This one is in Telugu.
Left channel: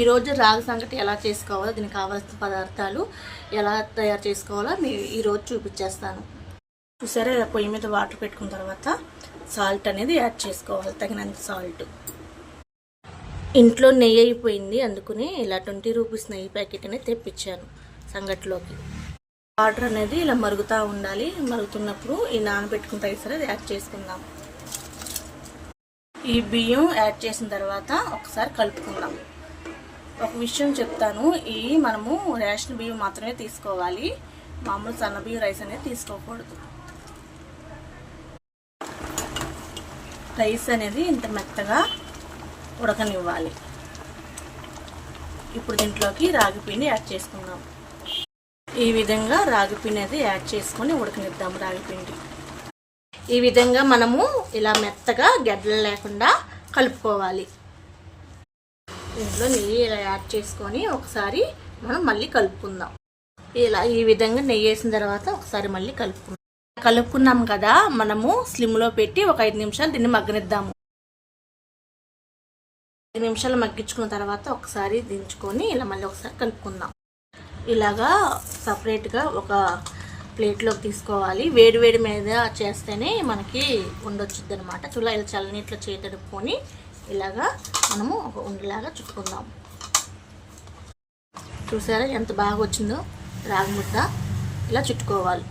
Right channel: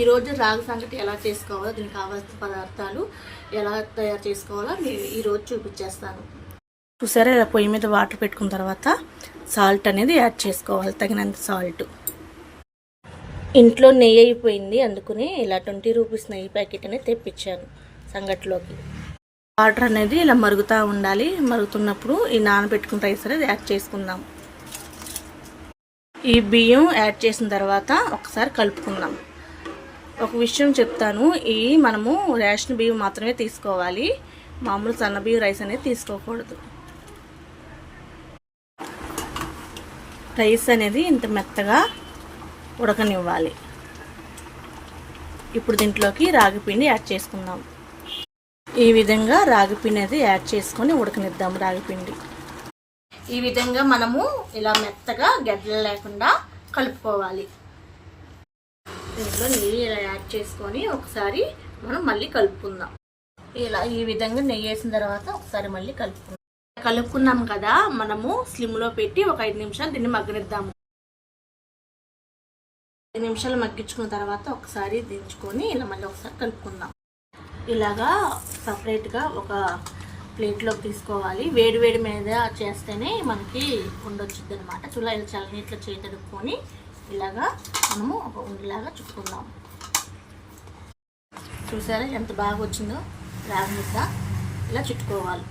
ఈరోజు రాగి సంగటి ఎలా చేసుకోవాలో, దీనికి కావాల్సిన పదార్థాలు ఎలా తయారు చేసుకోవాలో నేను ఈరోజు చూపించేస్తాను. చూసారా, ఇలా పొయ్యి మీద వాటర్ పెట్టుకున్న తర్వాత సాల్ట్ అనేది యాడ్ చేసుకోవాలి, తగినంత సాల్ట్. ఇంట్లో నెయ్యి అయిపోయింది, అందుకని ఇలా 20 రూపీస్ నెయ్యి ప్యాకెట్ అనేది తెప్పించాను సంగటిలోకి. వాటర్ అనేది ఇలా మరుగుతూ ఉండాలి. మరుగుతున్నప్పుడు ఈ నానబెట్టుకున్న రైస్ అనేది యాడ్ చేసుకుందాం. ఈ బియ్యం యాడ్ చేసిన తర్వాత ఒకసారి కలుపుకుందాం. ఒక విషయం చెప్తాను, మనము రేషన్ బియ్యం మాత్రమే తీసుకోవాలి, మామూలు సన్న బియ్యం రైస్ అనేది తీసుకోకూడదు. రైస్ అనేది ఇంత మెత్తగా ఉడకనివ్వాలి. ఇప్పుడు దీంట్లోకి రాగి పిండి యాడ్ చేసుకుందాం. ఈ విధంగా రాగి పిండి అనేది యాడ్ చేసుకొని ఉడకనిద్దాం. రాగి పిండి ఈ విధంగా మనము ఇలా మెత్తగా గడ్డలు లేకుండా కలుపుకోవాలి. ఇందులో నెయ్యి ఇలా యాడ్ చేసుకొని ఒకసారి మనం మళ్ళీ కలుపుకుందాం. ఇలా ఈ విధంగా నెయ్యి వేసిన తర్వాత ఒకసారి మళ్ళీ కలుపుకున్నాం కదా, మనము స్లిమ్లో పెట్టి ఒక 5 నిమిషాలు దీన్ని మగ్గనిద్దాము. 5 నిమిషాలు మగ్గించుకున్న తర్వాత ఒకసారి దించుకొని ఇలా మళ్ళీ ఒకసారి కలుపుకుందాం. ఇలాగా సపరేట్గా ఒక ప్లేట్లోకి తీసుకోవాలి. వేడి మీద చేస్తేనే మనకి ఉండొచ్చుద్ది అనమాట. ఇలా చల్లనీటిలో చేతడుకొని ఇలాగా మనము ఒక ఉండలాగా చుట్టుకుందాం. చూసారా ఎంత బాగా వచ్చిందో రాగి ముద్ద. ఇలా చుట్టుకోవాలి.